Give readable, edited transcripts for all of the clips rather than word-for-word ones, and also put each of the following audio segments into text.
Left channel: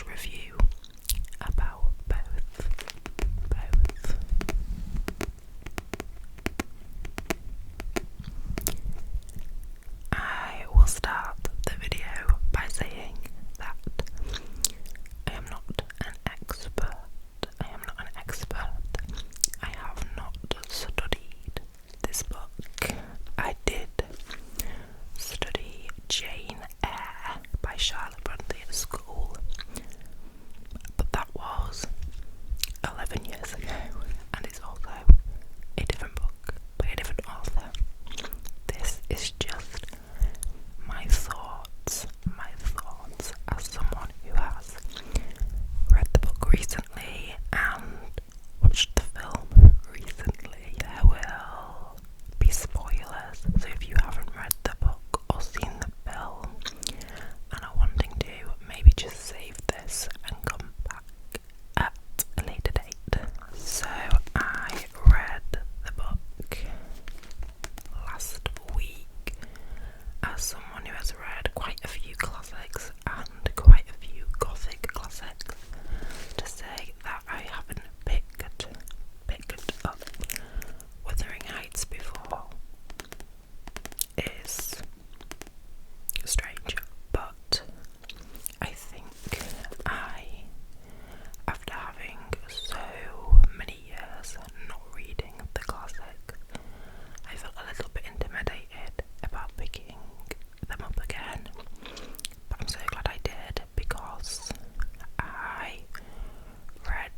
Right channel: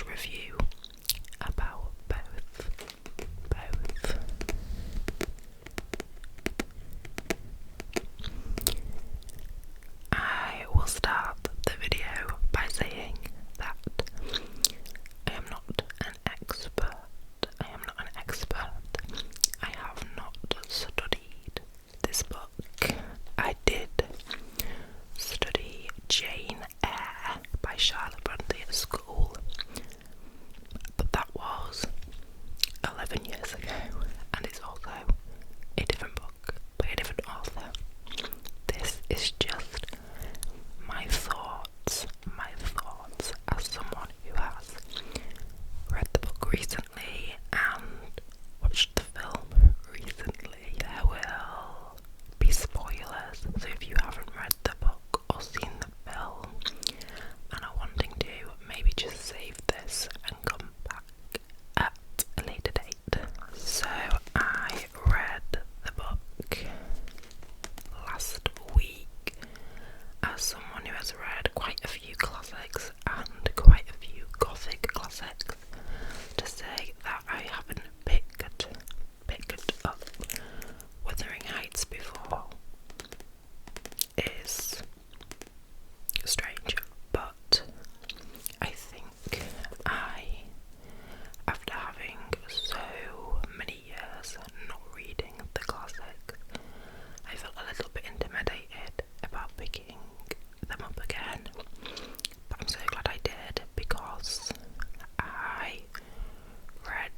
review about both. I will start the video by saying that I am not an expert. I have not studied this book. I did study Jane Eyre by Charlotte Brontë at school, but that was 11 years ago, and it's also a different book by a different author. This is just my thoughts as someone who has read the book recently and watched the film recently. There will be spoilers, so if you haven't read the book or seen the film and are wanting to, maybe just save this and come back at a later date. So I read the book last week. As someone who has read quite a few classics and quite a few gothic classics, to say that I haven't picked up Wuthering Heights before is strange, but I think after having so many years not reading the classics, I felt a little bit intimidated about picking them up again, but I'm so glad I did, because I read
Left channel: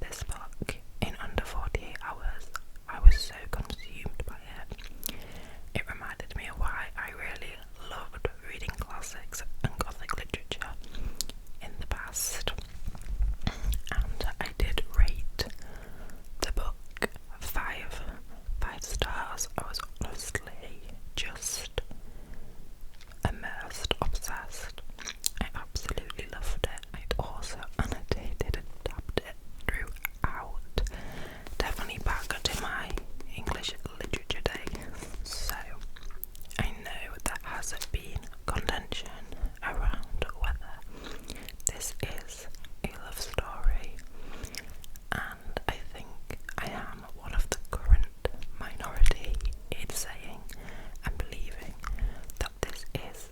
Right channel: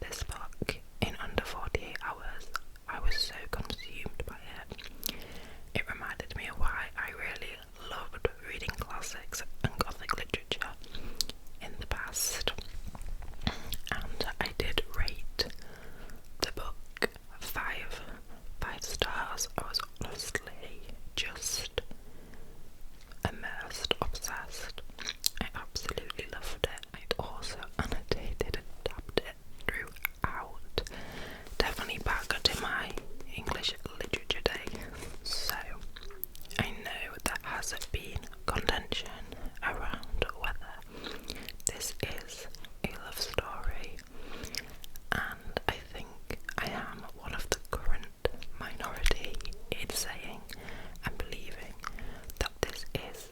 this book in under 48 hours. I was so consumed by it. It reminded me of why I really loved reading classics and gothic literature in the past. And I did rate the book 5 stars. I was honestly just immersed, obsessed. I absolutely loved it. I'd also annotated and tabbed it throughout. Definitely back to my English literature day. So I know there has been contention around whether this is a love story, and I think I am one of the current minority in saying and believing that this is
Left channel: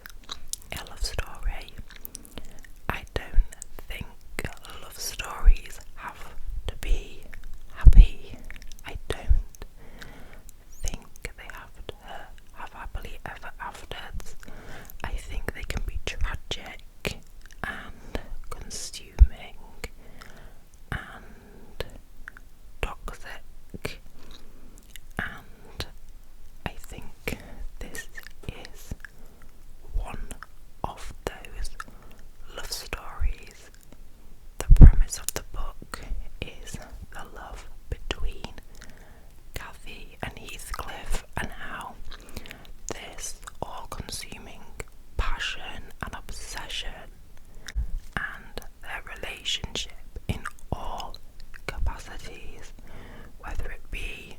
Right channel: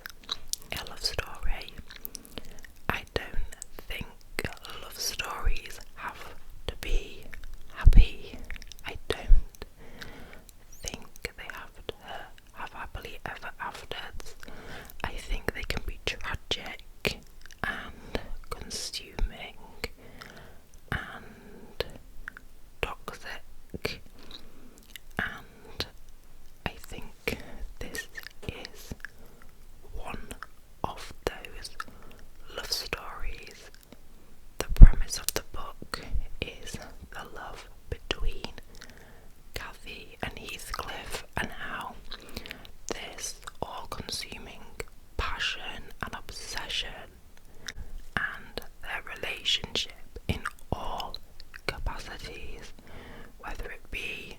a love story. I don't think love stories have to be happy. I don't think they have to have happily ever afters. I think they can be tragic and consuming and toxic, and I think this is one of those love stories. The premise of the book is the love between Cathy and Heathcliff, and how this all-consuming passion and obsession and their relationship in all capacities, whether it be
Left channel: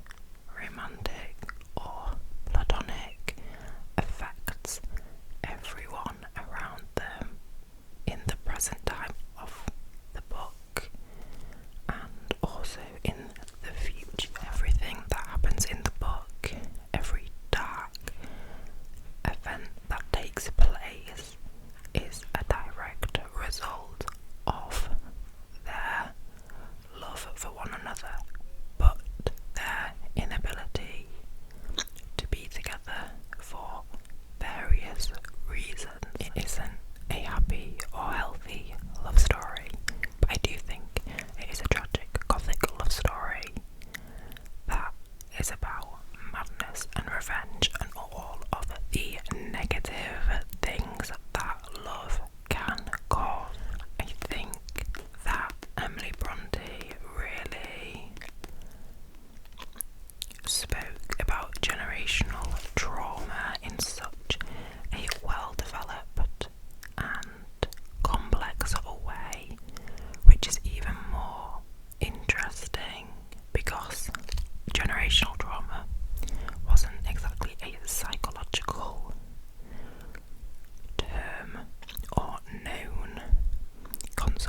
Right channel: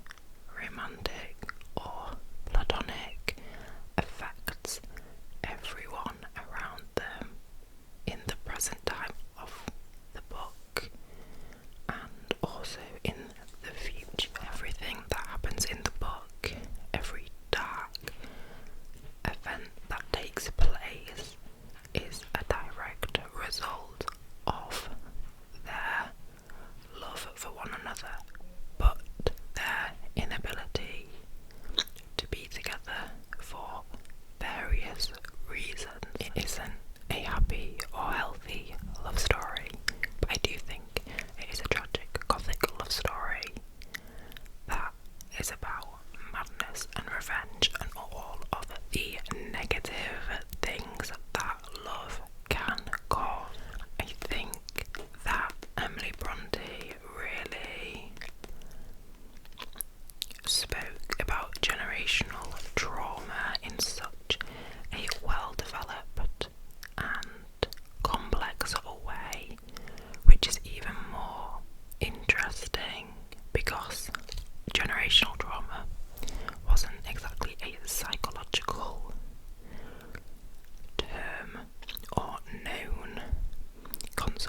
romantic or platonic, affects everyone around them in the present time of the book and also in the future. Everything that happens in the book, every dark event that takes place, is a direct result of their love for one another, but their inability to be together for various reasons. It isn't a happy or healthy love story, but I do think it is a tragic gothic love story that is about madness and revenge and all of the negative things that love can cause. I think that Emily Brontë really spoke about generational trauma in such a well-developed and complex way, which is even more interesting because generational trauma wasn't exactly a psychological term or known concept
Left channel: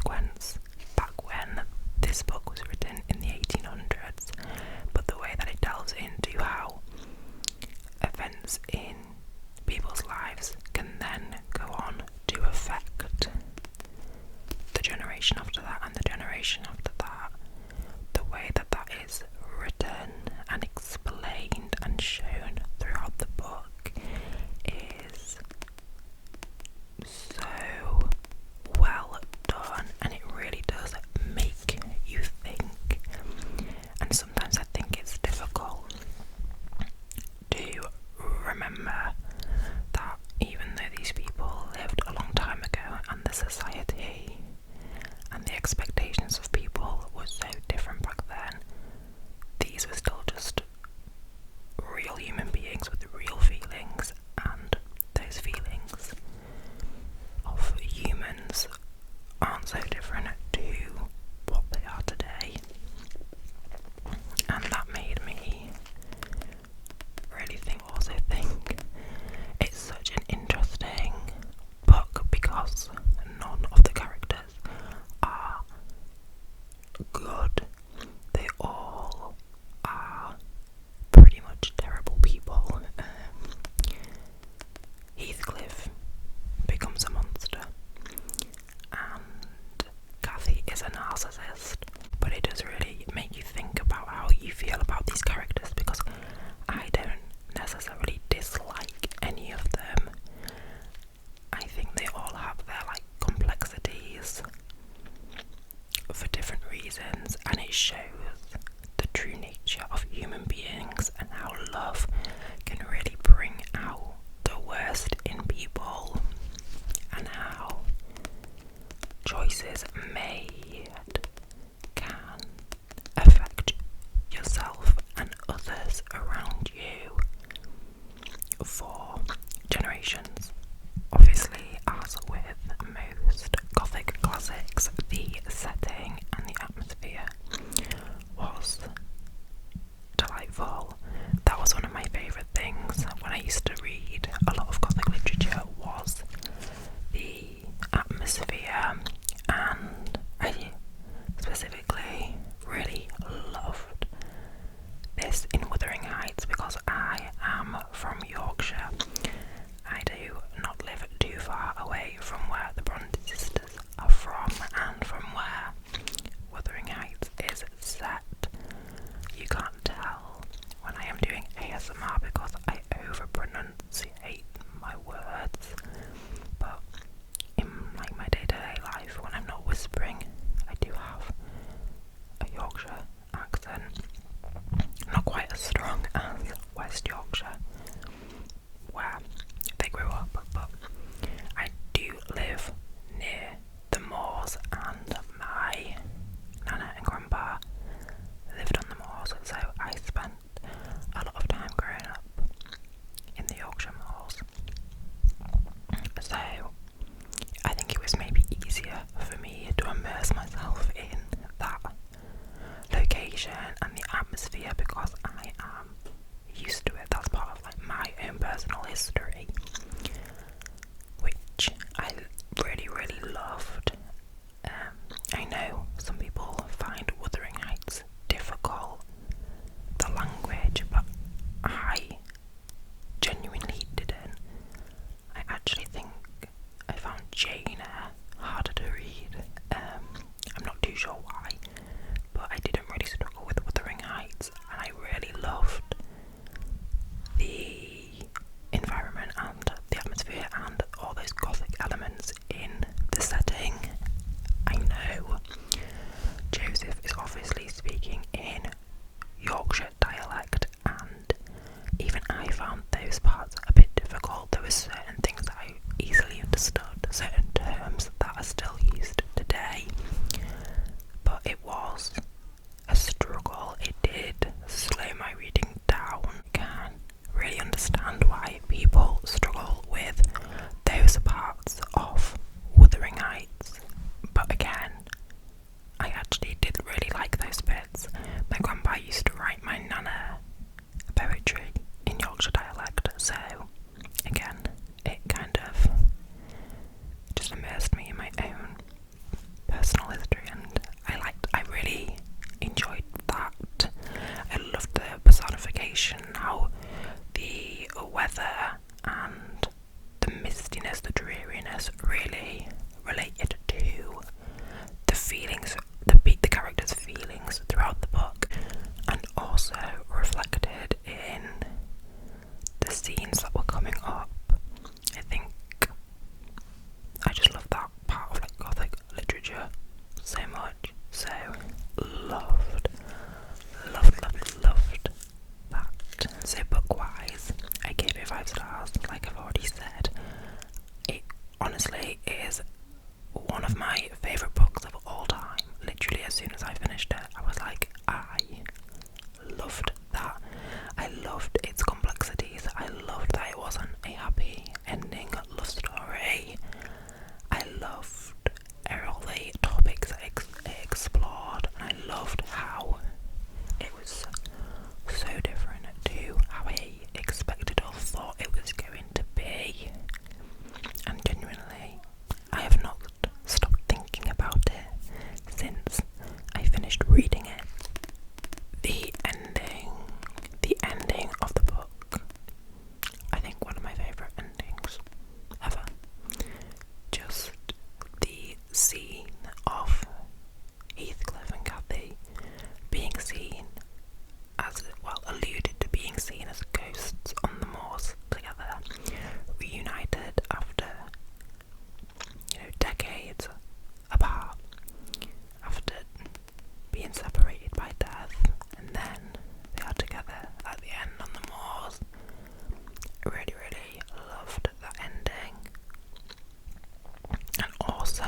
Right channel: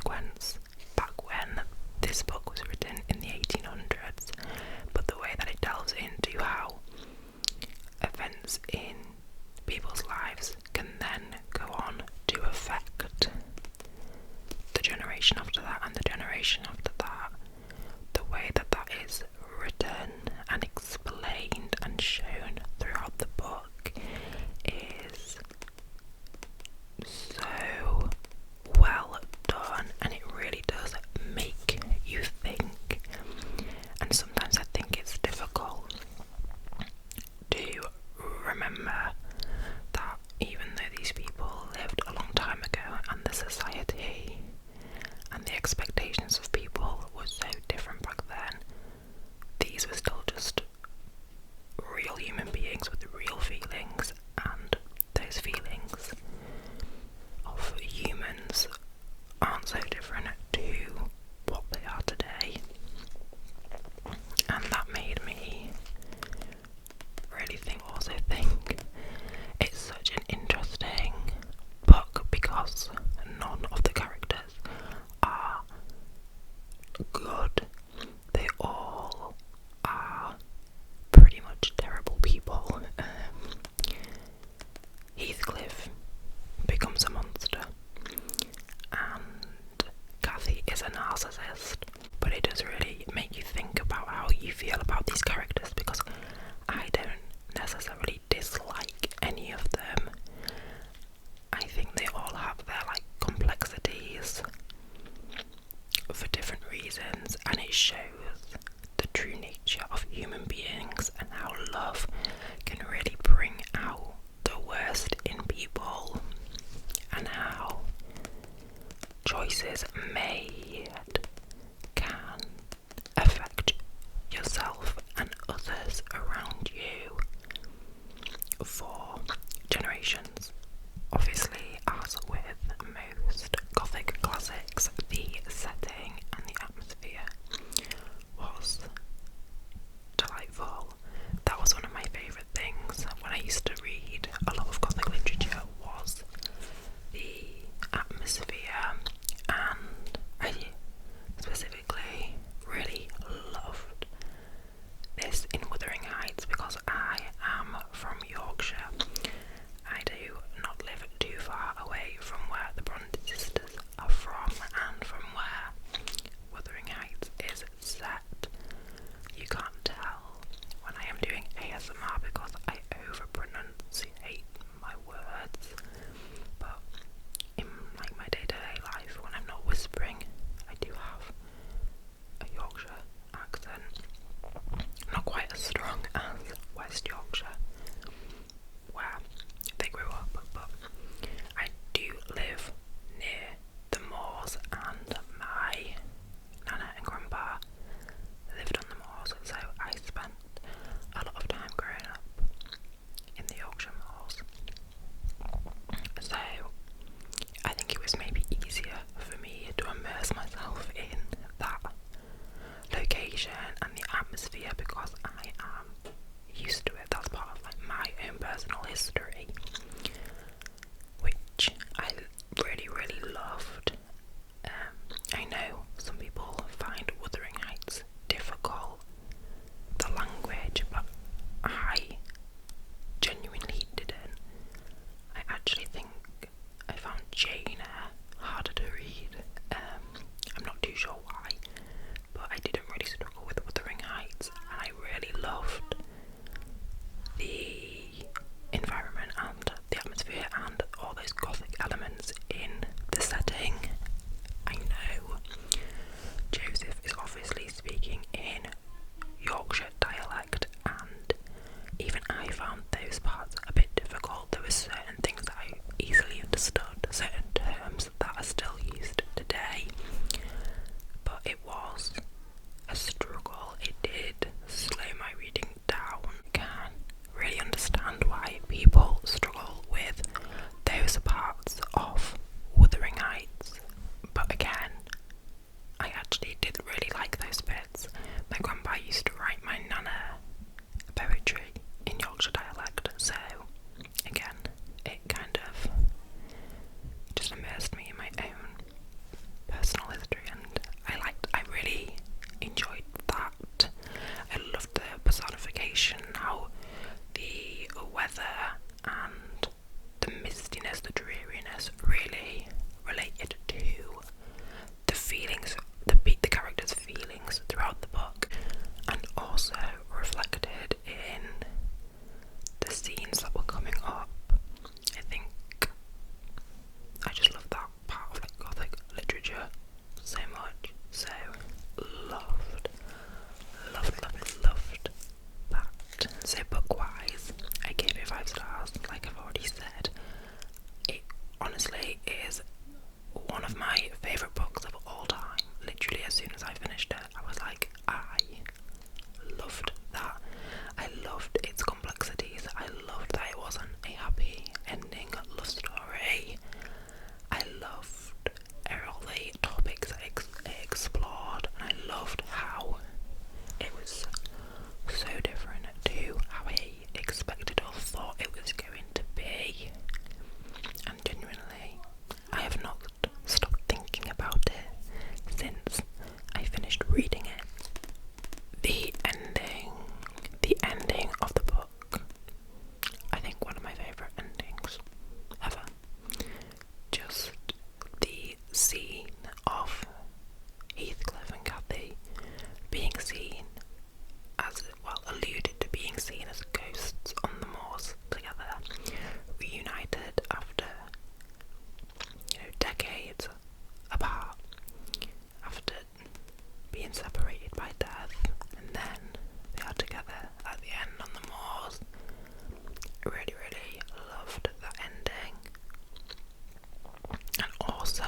and the expectations of people were so different back then. These were still just real human beings with real feelings, and those feelings of humans aren't so different to what they are today. And that made me really think it's such an interesting book because none of the characters are good. They all are pretty much terrible people. Heathcliff becomes a monster, and Kathy is a narcissist. But it does really make you think about how you feel about these characters, because I don't necessarily dislike any of them. I think they all have their complexities for different reasons, and it shows the true nature of human beings and how love can really bring out the worst in people, and how choices made can affect yourself and others around you for generations. Obviously, as with most Gothic classics, the setting and the atmosphere was delightful. That was one of my favourite things when I used to read a lot of Gothic literature, was the atmosphere, and I specifically really loved this in Wuthering Heights because I am from Yorkshire. I do not live too far away from where the Bronte sisters are from and from where Wuthering Heights is set. You can't tell when I am doing ASMR because I over-pronunciate my words, but in my day-to-day life, when I'm not whispering, I do have a Yorkshire accent. Not quite as strong as West Yorkshire, where they grew up, but I do live near the moors, and my nana and grandpa lived on the moors, so I spent a lot of time growing up in the Yorkshire moors. So I think it was maybe easier for me to immerse myself in that location and the atmosphere because I am used to it. That's part of my own personal history, which I really loved. I know some people find Wuthering Heights difficult, the language, but I genuinely didn't. I actually think I found Jane Eyre harder to read. I'm not too sure why, but I didn't really struggle with Wuthering Heights, and I really loved the environment and the atmosphere and all those Gothic elements in the setting. I know Joseph is obviously speaking in Yorkshire dialect, and even I found those parts a bit difficult. There were certain things that I easily understood, certain terms that are still used today, but it was a struggle. It did slow my reading down. I can really understand why people struggle with those parts of Wuthering Heights, but again, I actually did really like those bits. My grandpa used to write my nana poetry in Yorkshire dialect, so again, it kind of just immersed me in my own personal history, and I really enjoyed that. I loved the personification, how the weather and the mistiness, the dreariness really related to the feelings, the characters' feelings throughout the book, and also reflected in the scenes that were coming up. I think I just love that part of Gothic literature so much. So loved that. So book-wise, I gave it 5 stars, like I've already said. It honestly is one of my favourite books of all finished it, I was like, I loved that. I loved its complexities. I loved that it wasn't a happy ending love story. I loved all the topics it explored, and I loved how it was so different to how I expected or thought it was going to be. And genuinely, I have not stopped thinking about it since I finished reading it. The ending of the book, I think one of my favourite endings ever. Just the scene of Heathcliff and Cathy being seen as, well, alluded to being seen as ghosts on the moors together, reunited after, decades apart, after being separated by death, and then they are together at the end on the moors. I really, really loved that ending. And also,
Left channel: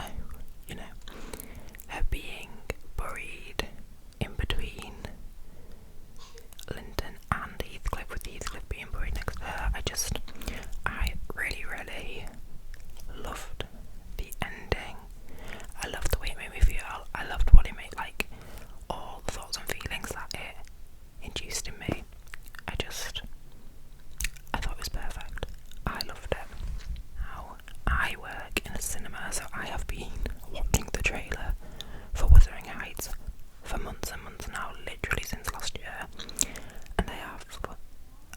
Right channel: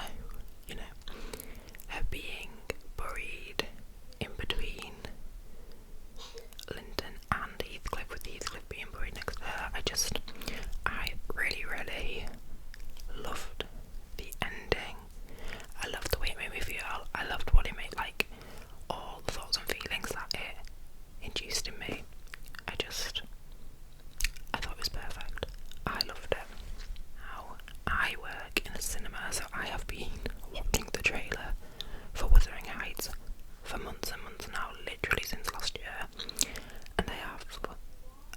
her being buried in between Linton and Heathcliff, with Heathcliff being buried next to her. I really, really loved the ending. I loved the way it made me feel. I loved what it made, like, all the thoughts and feelings that it induced in me. I thought it was perfect. I loved it. Now, I work in a cinema, so I have been watching the trailer for Wuthering Heights for months and months now, literally since last year, and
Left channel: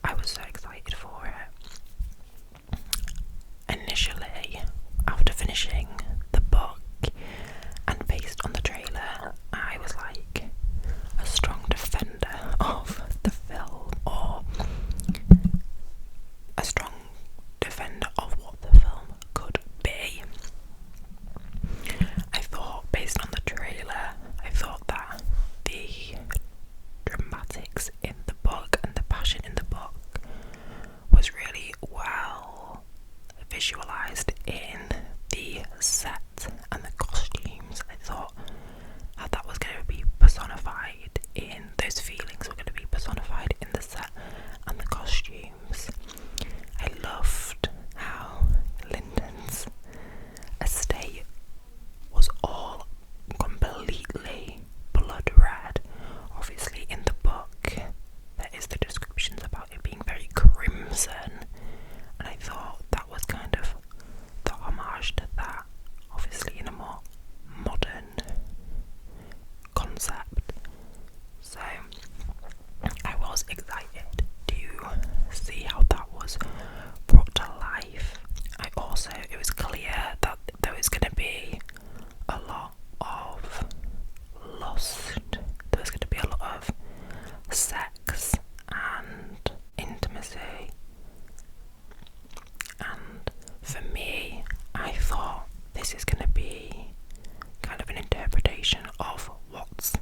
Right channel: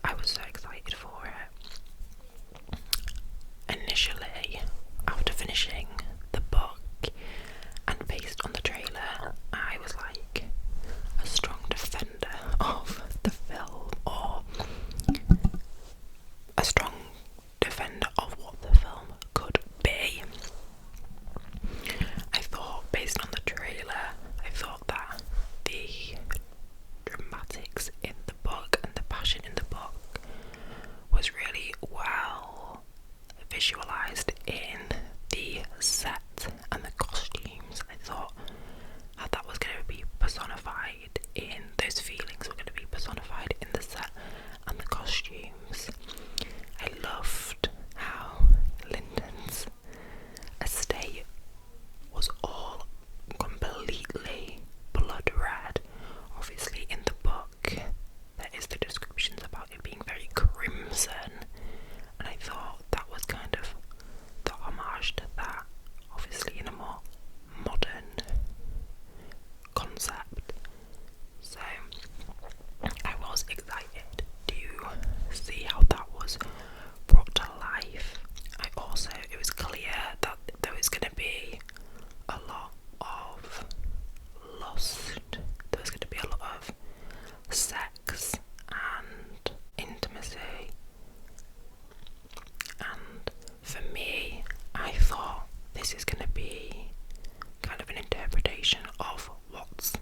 I was so excited for it. Initially, after finishing the book and based on the trailer, I was like a strong defender of the film, or a strong defender of what the film could be. I thought, based on the trailer, I thought that the dramatics in the book and the passion in the book was really well visualised in the set and the costumes. I thought that was going to be personified in, those feelings were going to be personified in the set and the costumes. I loved how Lyndon's estate was all completely blood red. Obviously in the book there is the descriptions about it being very crimson, and I thought that was kind of the homage to that, obviously in a more modern concept. So I was excited to see how that was brought to life. It was clear that there was going to be a lot of lust, there was going to be a lot of sex and intimacy, and for me, I thought this is going to be kind of an interpretation of what's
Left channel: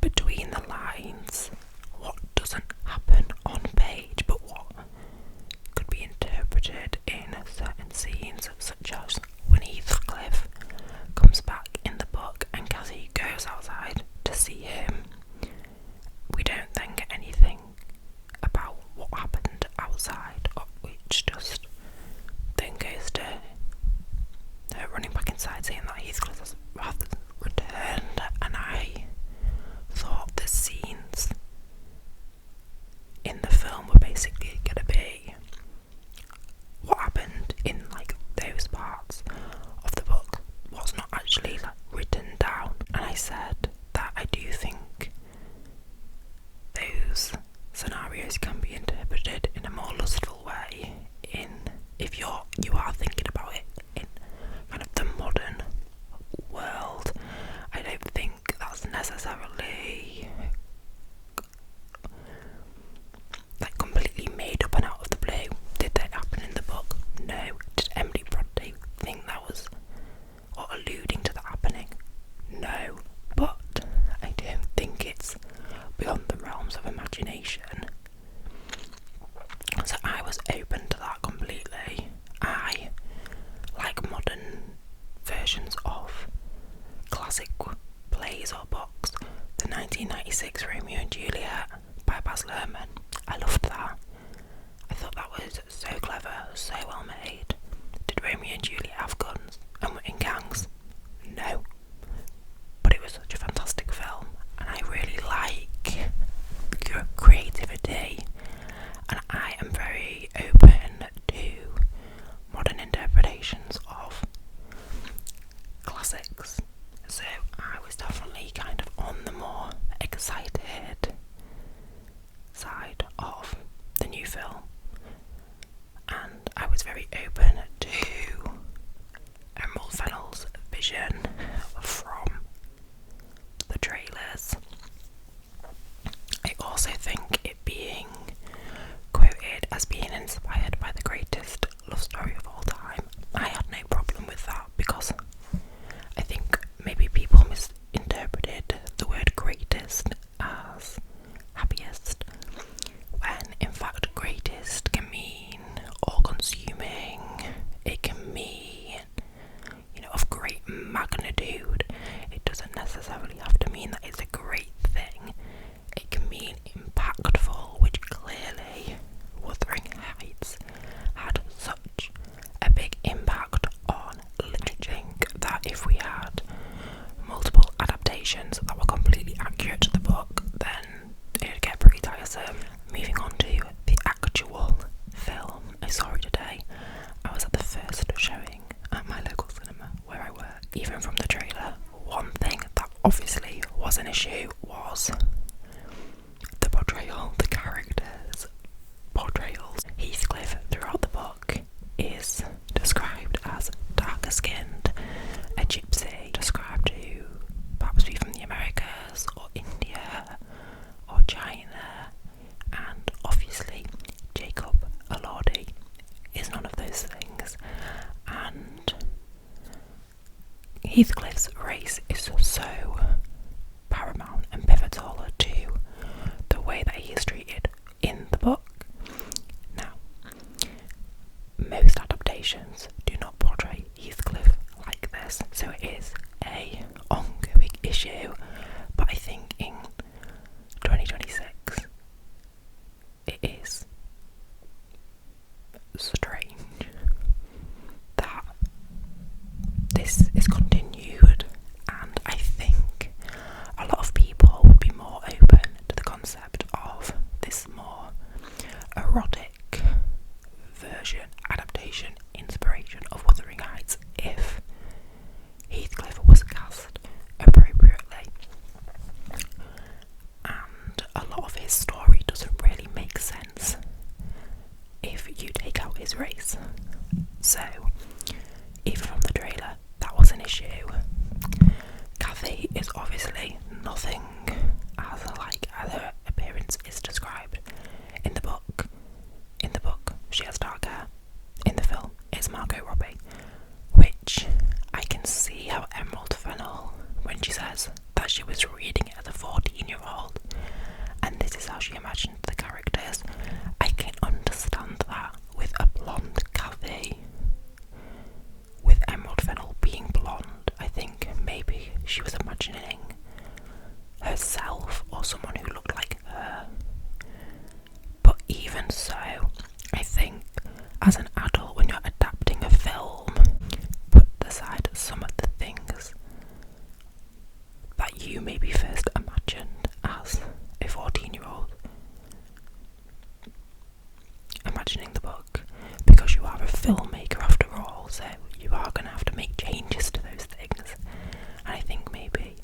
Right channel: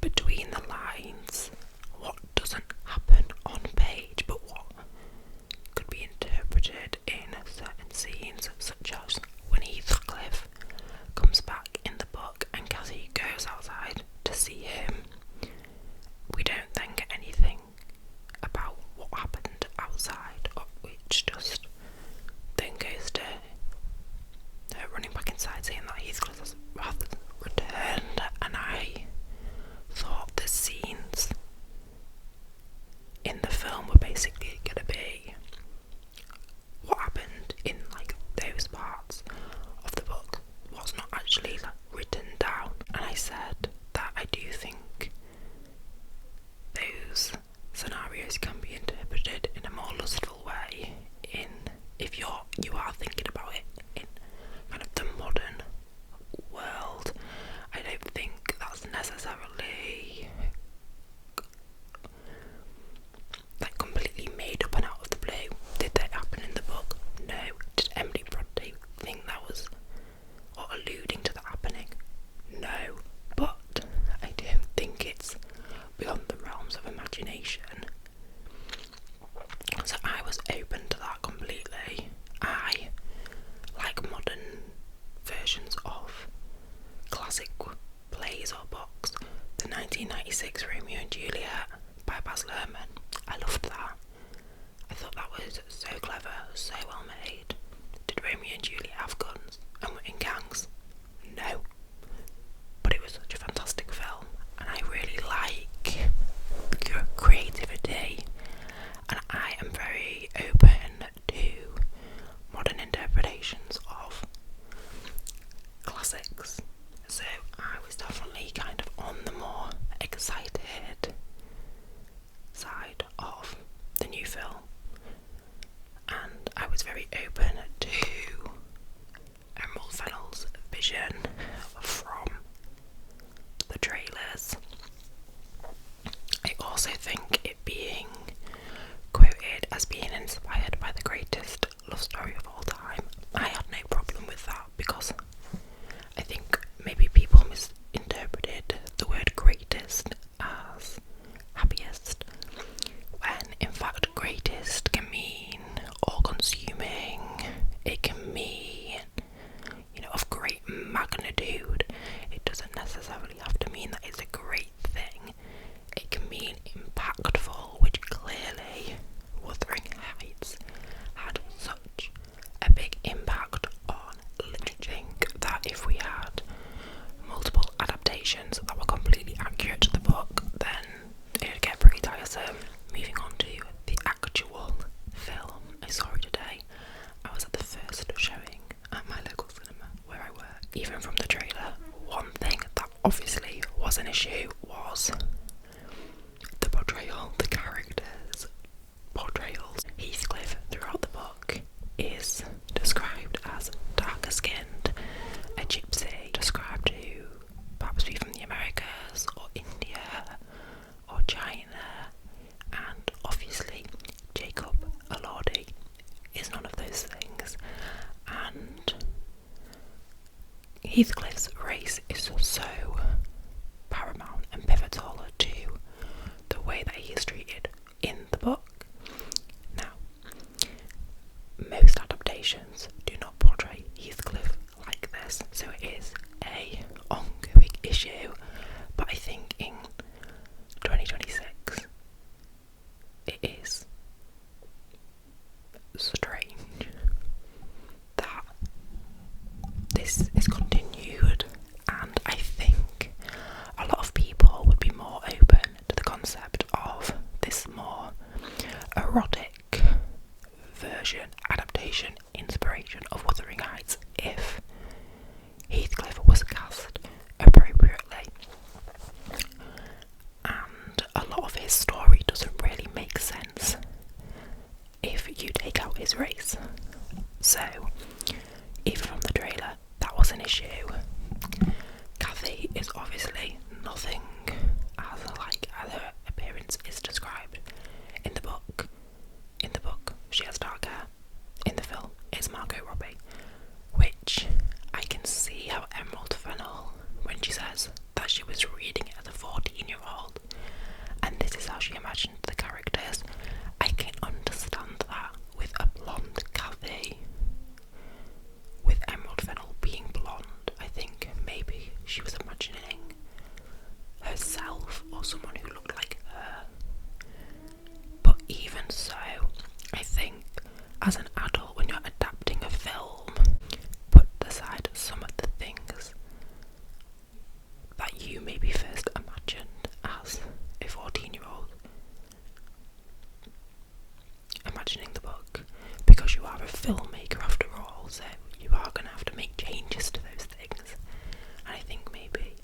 between the lines, what doesn't happen on page, but what could be interpreted in certain scenes, such as when Heathcliff comes back in the book and Cassie goes outside to see him. We don't then get anything about what happened outside, which just then goes to her running back inside saying that Heathcliff has returned, and I thought the scenes in the film were basically going to be what happened in, like, those parts of the book, what's not actually, like, written down. And I said that I do think those scenarios can be interpreted in a more lustful way, if you are thinking about it in kind of the modern world. I don't think that's necessarily like completely made up and out of the blue. Did that happen in the book? No. Did Emily Bronte think that was, or alluding to that happening? No. But I don't think it's beyond the realms of imagination. So I was open to that completely. I like modern versions of classic plays or books, 1996 Romeo and Juliet by Baz Luhrmann. I loved that. I thought that was so clever, so well made. Did Romeo and Juliet have guns and were in gangs? No. But it was such a fantastic film, and I really like creativity, and I am very open to modern interpretations of classics. So I was definitely kind of on the more excited side of the new film, and I was very open to Emerald Fennell's vision from the trailers. I also think it being quoted as being inspired by the greatest love story of all time, I had no problem with that, because I think maybe people misinterpreted the word greatest as happiest, when in fact greatest can mean all-consuming. It can mean, of great magnitude. It doesn't necessarily have to mean that it's a great thing. It can mean impactful, which clearly Wuthering Heights had such a big impact on literature that if we had multiple adaptations that were completely accurate to the book, then it'd get pretty tiresome. Moving on to the actual film, I saw it today. I was at the first showing at my local cinema where I work. Even from the trailer, one thing that obviously was an issue was the portrayal, the characters' portrayals. Heathcliff throughout the book is described as darker skinned, a gypsy, described to perhaps be from the Americas or India or China, and obviously Jacob Elordi is none of those things, and Heathcliff's race is so paramount and pivotal to the way that he is treated in the book. Now, most adaptations do not portray Heathcliff like this, so it is a ongoing issue, but I think in 2026 it is strange that this is continued, and I think a lot of people would be more open to the concept of this more erotic version, adaptation, inspiration of Wuthering Heights if Heathcliff was cast appropriately. And a lot of his story doesn't really make sense if you take out his race. So, even from the trailer, that was an issue. Kathy is obviously nothing as her appearance is described in the book. In the book, she has dark hair. In the film, it's Margot Robbie, which I can see how Emerald Fennell, when she says that she was reading it as a 14-year-old, and this is how she imagined the characters, I can understand that with a blonde Kathy. With Emerald Fennell being blonde, I think maybe she was imagining herself or someone who looked like her. But even so, I think as an adult, when you're adapting a film, put aside some of the things that you maybe first imagined as a 14-year-old imagining the book, because you are a filmmaker after all, so you are going to have to make changes to those things. And I think maybe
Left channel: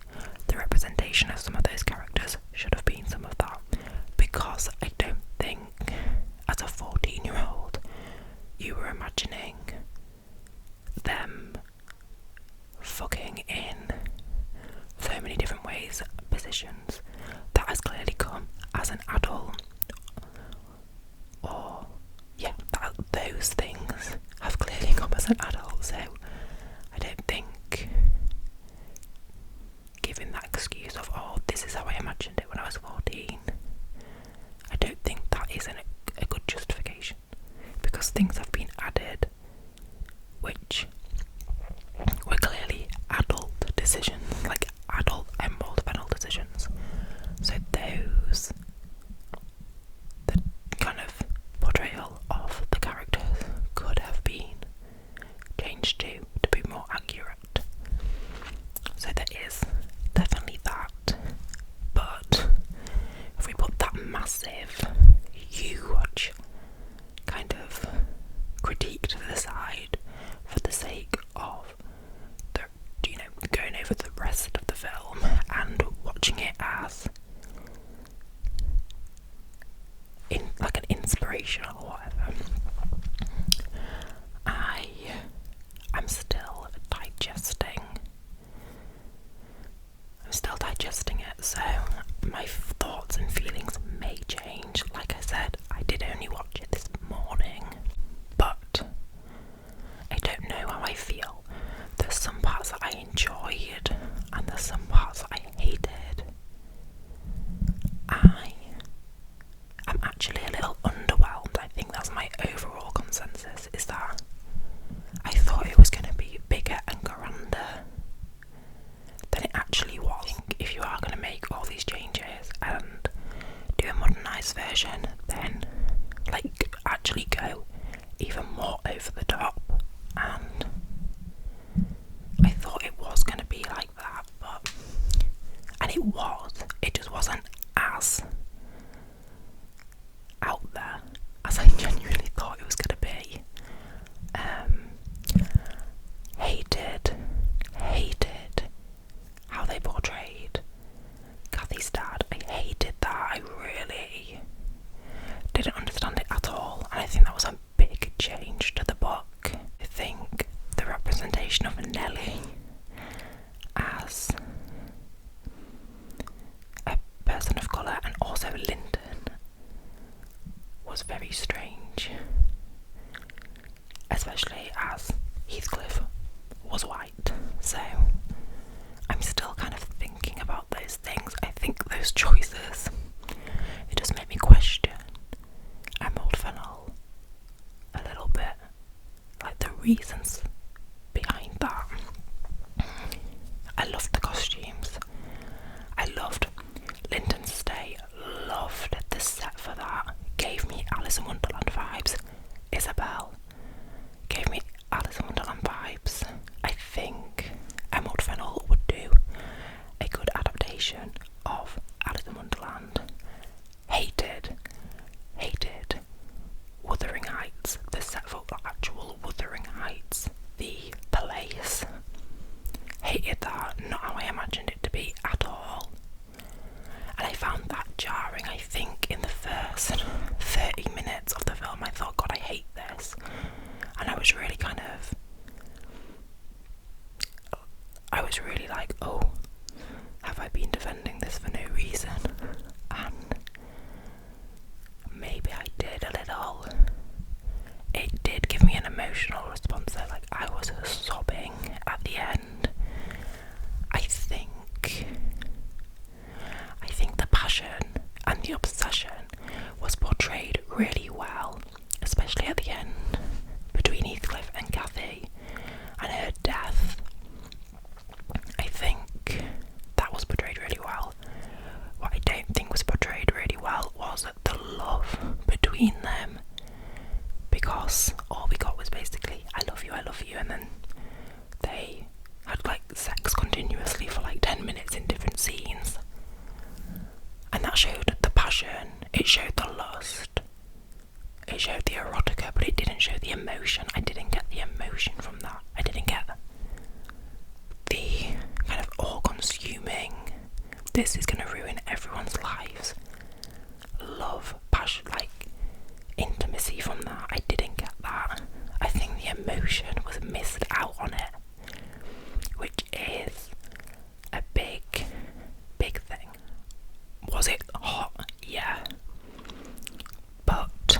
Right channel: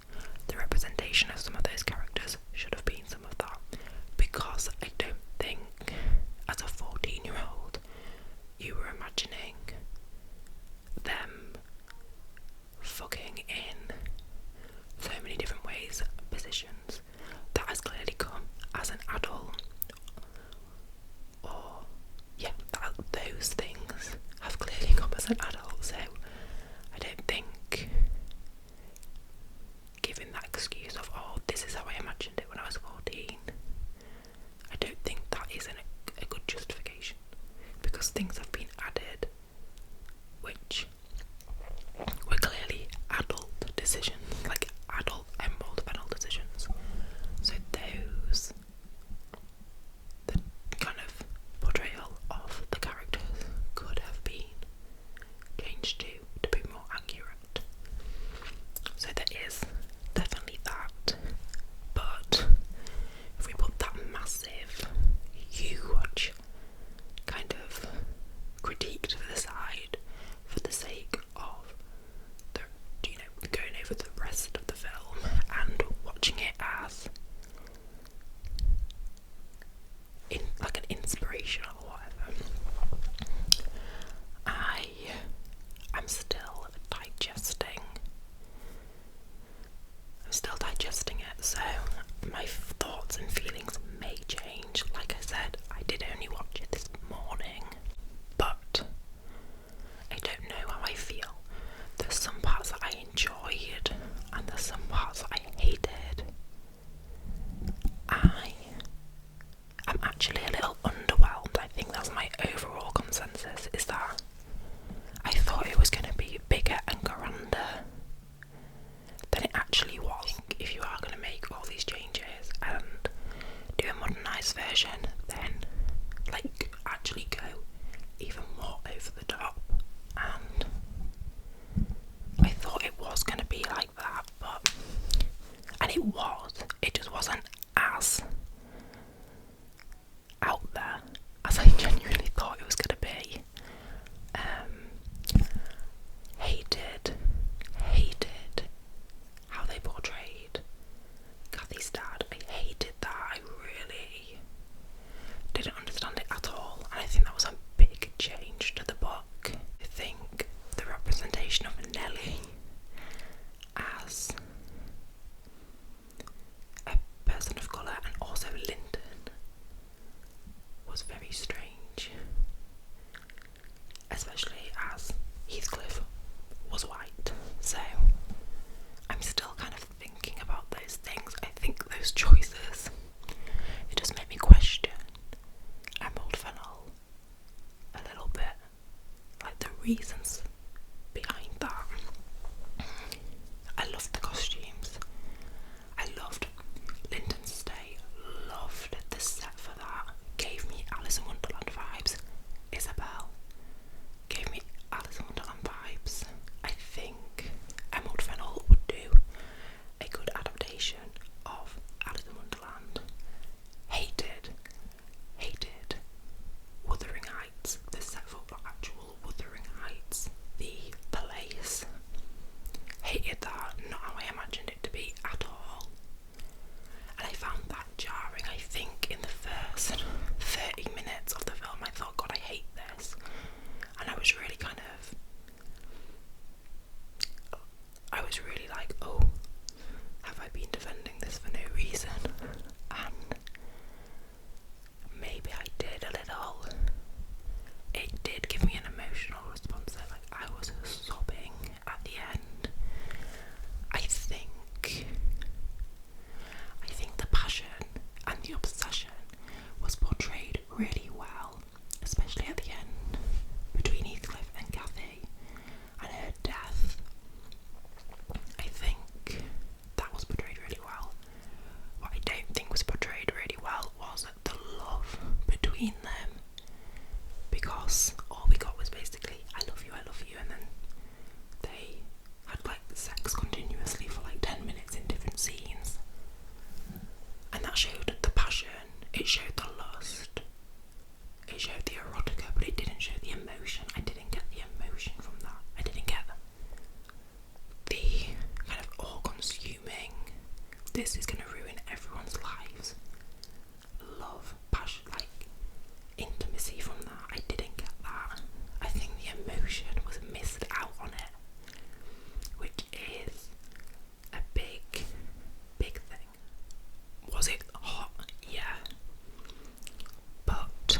the representation of some of those characters should have been some of that, because I don't think as a 14-year-old you were imagining them fucking in so many different ways, positions. That has clearly come as an adult, or those things have clearly come as an adult, so I don't think giving that excuse of, oh, this is how I imagined it when I was 14, I don't think that is a good justification, because things have been added which were clearly adult decisions, like adult Emerald Fennell decisions, digesting it, so my thoughts and feelings may change. Like I said, I did only watch it this morning, but I don't know how I feel. There's some parts that I enjoyed, and there's some parts that I hated. I am actually a little underwhelmed. I think that's my overall consensus, is that I thought it was going to be bigger and grander than it actually was. If you are going to make all these changes and do a modernised version, then like actually go even more over the top. And I thought it was going to be like that, and it just wasn't as out there as I genuinely thought it was going to be. Hated how they portrayed Kathy's dad. I hated that. I really didn't understand it at all, and I think that was a big change to the book. I think the representation of Nellie as a person of colour, and also Lyndon, was very strange, especially as Heathcliff was white. So I'm still kind of thinking about those things. I think those choices, it just made me question Emerald Fennell a little bit, like the reasons behind that. I loved the costumes. I loved Lyndon's stay. Loved the set for that. Gave me Alice in Wonderland vibes. Isabel gave me Alice in Wonderland vibes. I think Emerald Fennell would do a good adaptation of Alice in Wonderland. Hated Wuthering Heights, the set for actual Wuthering Heights, the place. Hated that, not how I imagined it to be at all. And I found that jarring. I think in the first 30 minutes of the film I thought, God, I hate this. And I was really like, oh, have I been defending this for no reason? And maybe I did a little. It did give me an emotional response there, like I was sobbing at the end. I think the passion and the obsession was portrayed really well, especially at the end between Heathcliff and Cathy and her death. I think that was portrayed really well. What I don't think was portrayed really well was the love between them, because all we got was basically I love you, and then they had like sex continuously for like 10 minutes in different scenes, and that showed the passion, it showed the lust, it showed the erotica, but it didn't show the emotion. I didn't get the emotion from that. I didn't get the kind of all-consuming, this is going to ruin everyone's lives, love, passion, like intimacy from that. I didn't get that. I think the emotion was missed out on it, which is a big thing. Was it hot? Yeah. But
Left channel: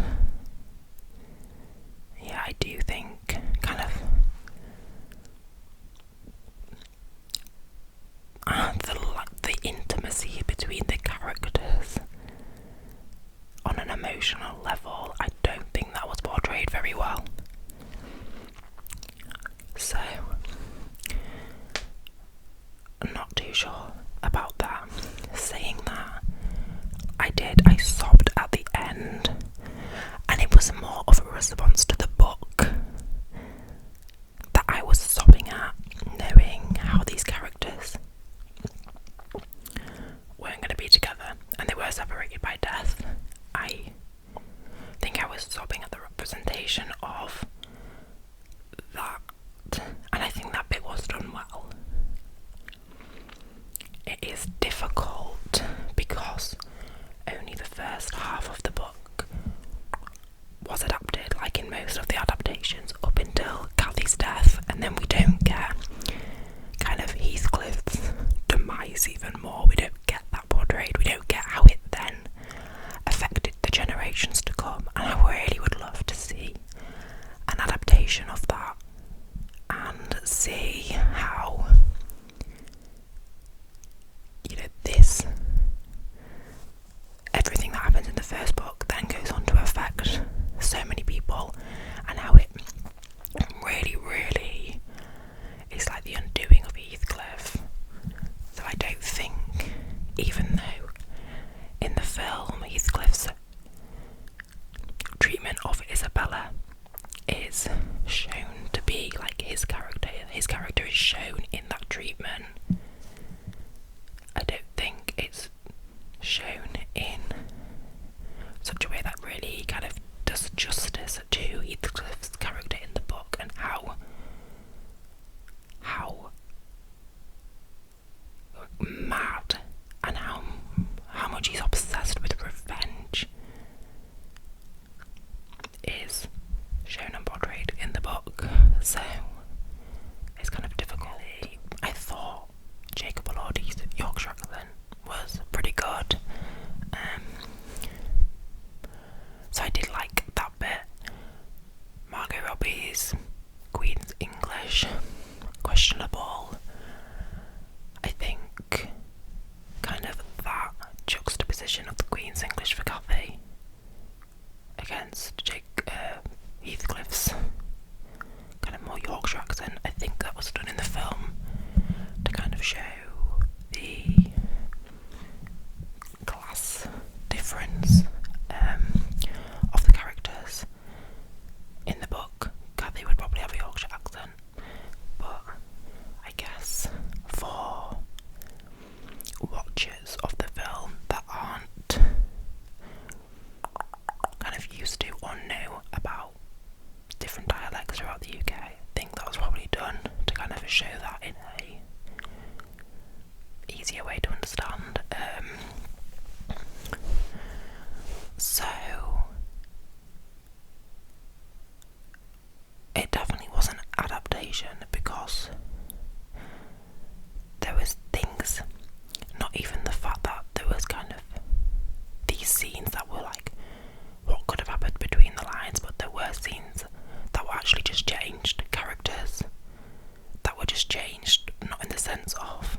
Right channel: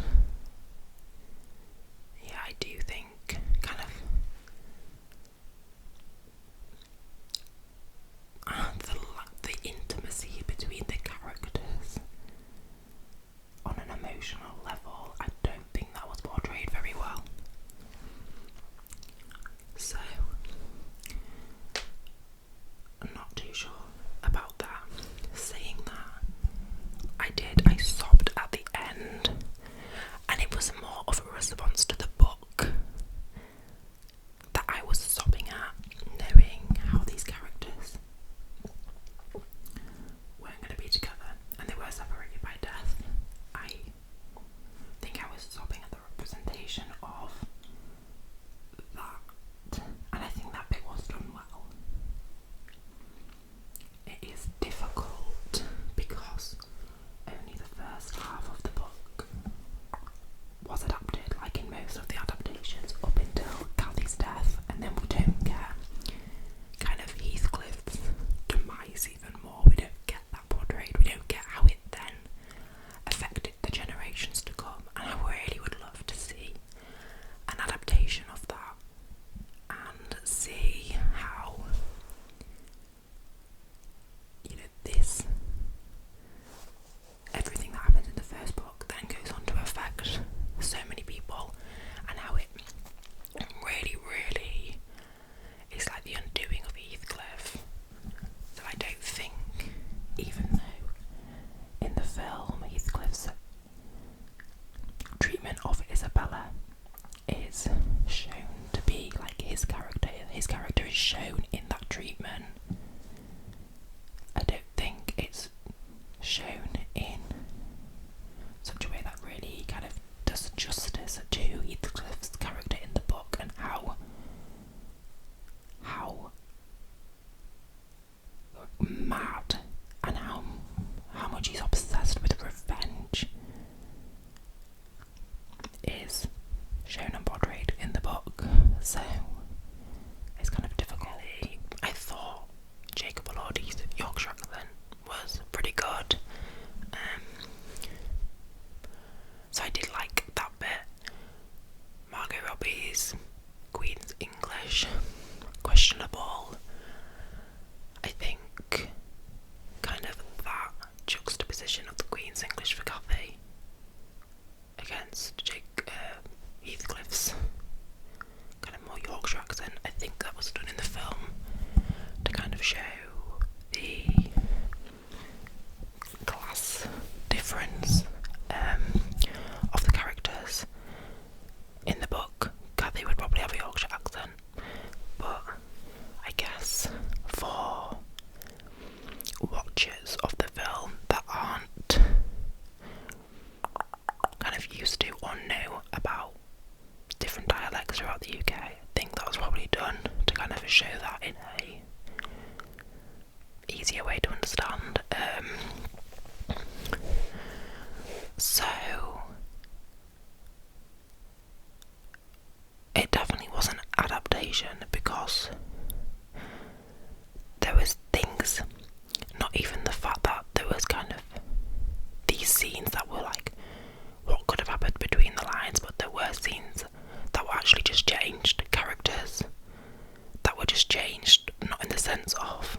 yeah, I do think kind of the intimacy between the characters on an emotional level, I don't think that was portrayed very well. So I'm not too sure about that. Saying that, I sobbed at the end, and it was more of a response to the book that I was sobbing at, knowing how these characters weren't going to be together and they were separated by death. I think I was sobbing at the representation of that, and I think that bit was done well. It is difficult because only the first half of the book was adapted, like in most of the adaptations, up until Cathy's death, and then we don't get kind of Heathcliff's demise even more. We even though in the film Heathcliff's treatment of Isabella is shown to be like his character is shown in that treatment, I don't think it's shown in such a way that really kind of does justice to Heathcliff's character in the book and how mad and how much he's obsessed with revenge is shown and portrayed in the book. So it's kind of difficult. I thought Jacob Elordi's Yorkshire accent was pretty good. So I did like that bit. Margot Robbie's Queen's English, questionable. I think kind of that juxtaposition of the Queen's English for Cathy against Heathcliff's kind of more Yorkshire accent, I think that was done in the film to kind of show the class difference of the characters. In the book, Cathy would probably have a Yorkshire accent, but I guess for watchers of the film that aren't kind of used to or know about different dialects throughout the UK, I think that was probably done to kind of show that in a easier way to understand. So it definitely was an adaptation because there was things, not even the fact that there was kind of these scenes that were like what could have happened between the lines, but there were scenes that were actually just changed, characters that were just changed, not in the sense of,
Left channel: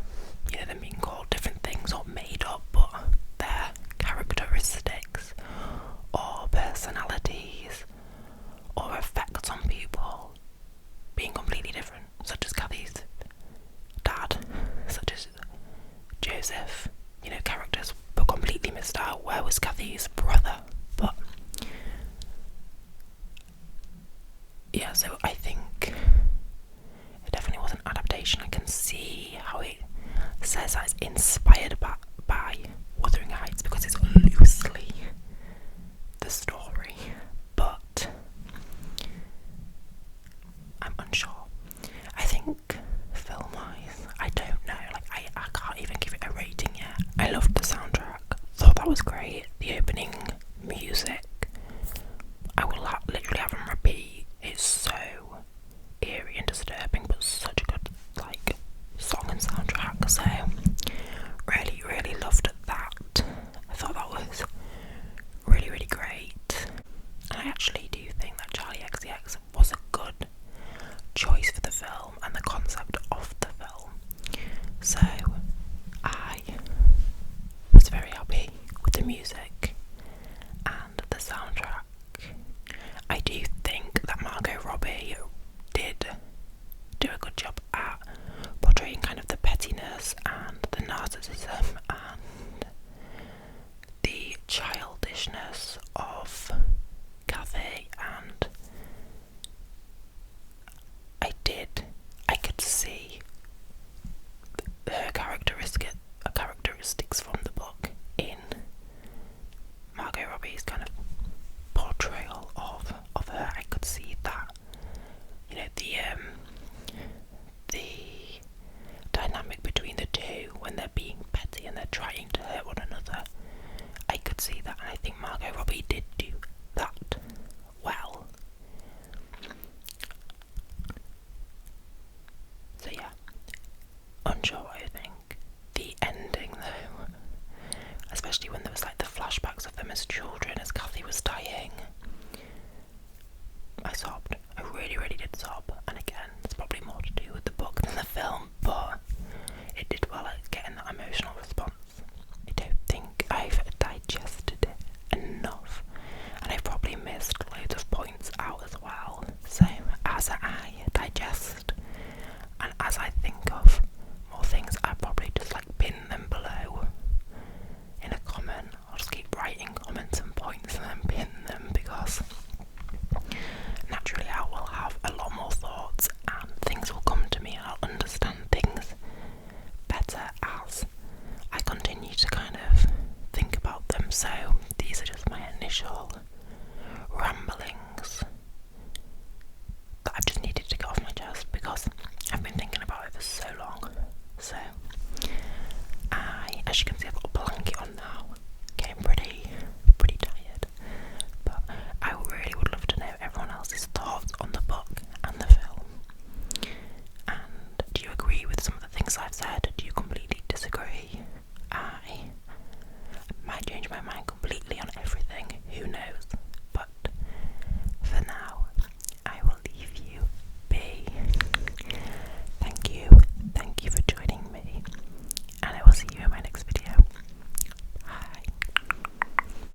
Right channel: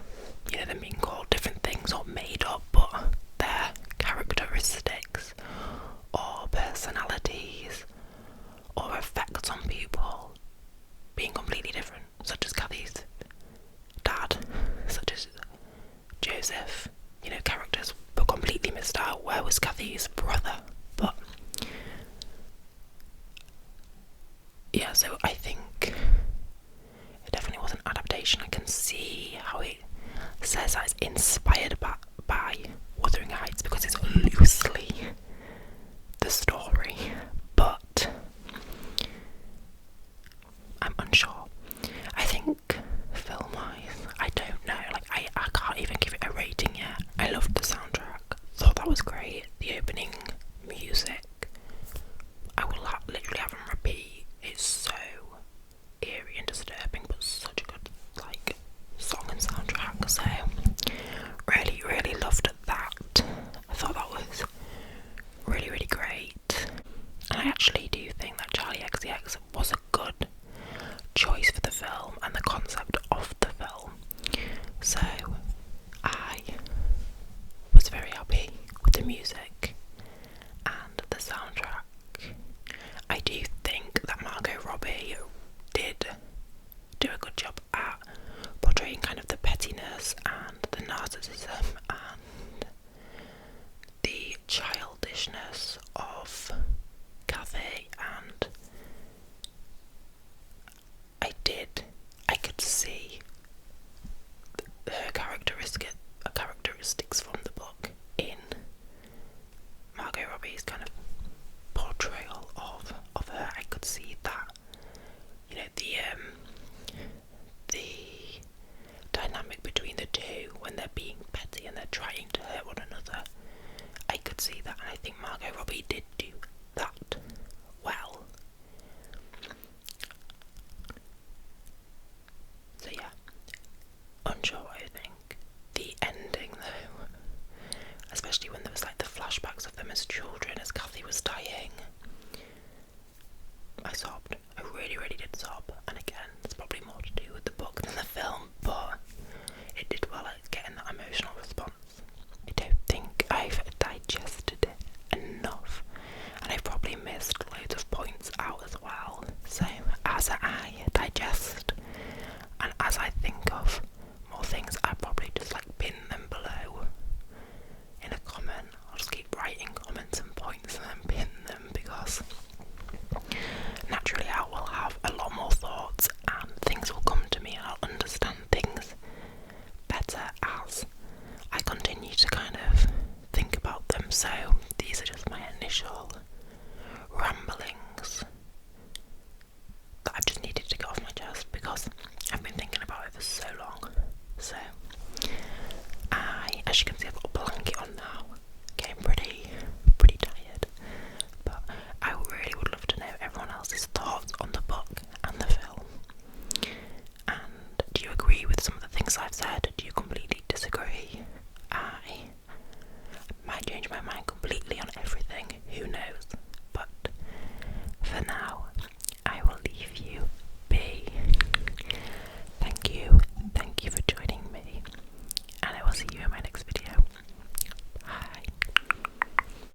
you know, them being called different things or made up, but their characteristics or personalities or effects on people being completely different, such as Cathy's dad, such as Joseph. You know, characters were completely missed out. Where was Cathy's brother? But yeah, so I think it definitely was an adaptation. I can see how it says that it's inspired by Wuthering Heights because it's loosely the story, but I'm unsure. I think film-wise, I don't know, like I can't even give it a rating yet. I loved the soundtrack, thought that was great. The opening music, I will literally have on repeat. It's so eerie and disturbing, but such a good like song and soundtrack. So really, really loved that. I thought that was really, really great. And I actually do think that Charlie XCX was a good choice for the film and the concept of the film. So I was very happy with the music and the soundtrack. I do think that Margot Robbie did do a good job at portraying kind of the pettiness and the narcissism and the childishness of Cathy, and I could see her characteristics from the book in Margot Robbie's kind of portrayal of her. I could see that, you know, the dynamic between the two when they're being petty and they're trying to hurt one another. I could see that, and I think Margot Robbie So these are just my initial ramblings that I've just needed to get off my chest because I've been thinking about it for so long. So as you can see, I've got a blanket on now, getting pretty tired, but I really would love to know everyone else's thoughts on the book and the film. And do you agree with some of the things I've said? Do you completely disagree? I might change my mind completely on everything, who knows, but for now I will leave you be. Thank you for joining me, and I will see you in my next